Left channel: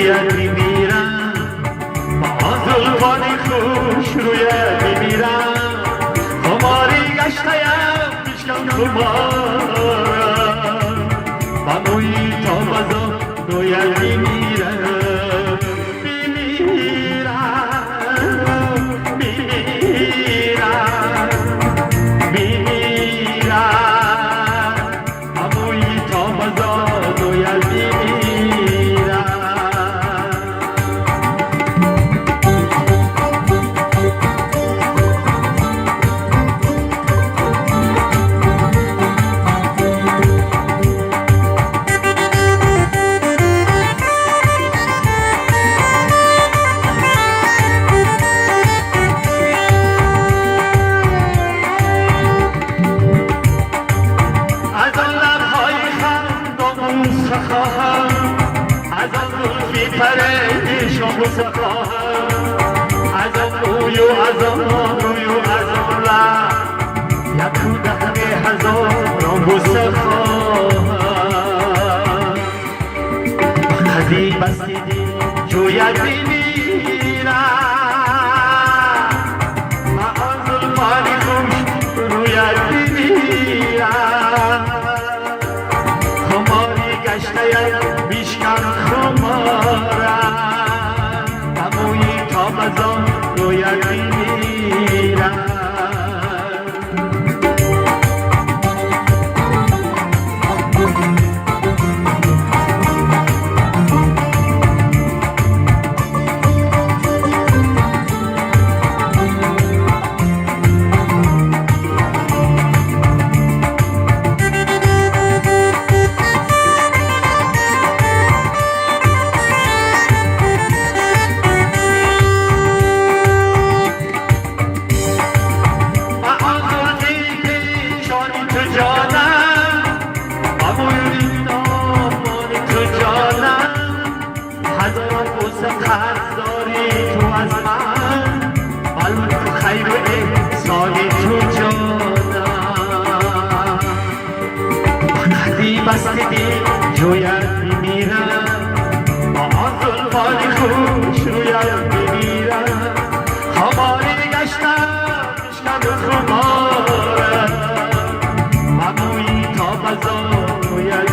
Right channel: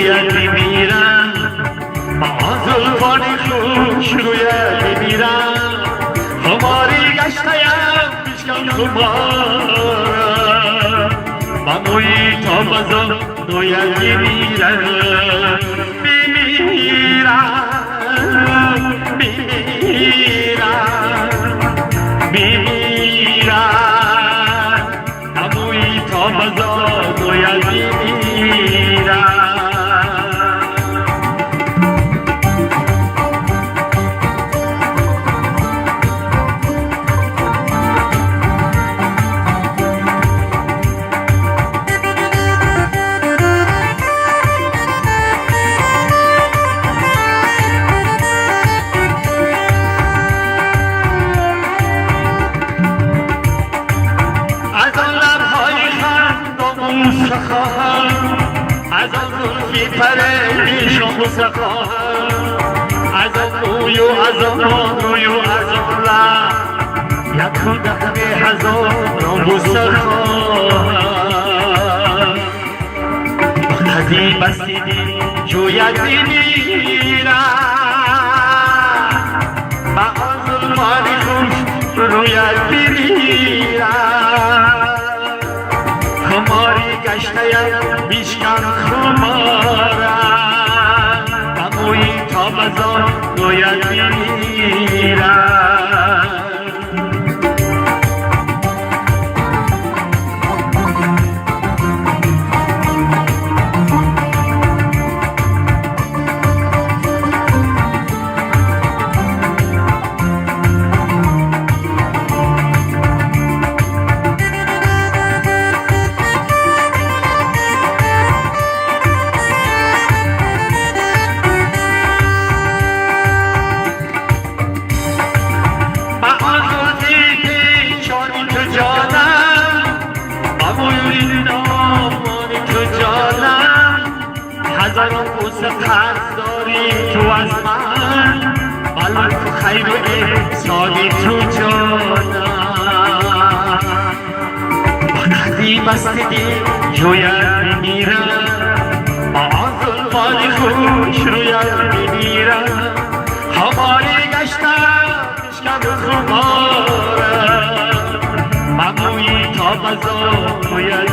جوید میمیرم آزلفانی خوش روید میمیرم خماری گشتیم بشکن خمارم اموی تا غذا روید میمیرم میمیرم جوید میمیرم مغازمانی خوش روید میمیرم خماری گشتیم بیشکن خمارم اموی تا غذا روید میمیرم جوید میمیرم آزلفانی خوش روید میمیرم هماری گشتم بشکن خمارم اموی تا غذا روید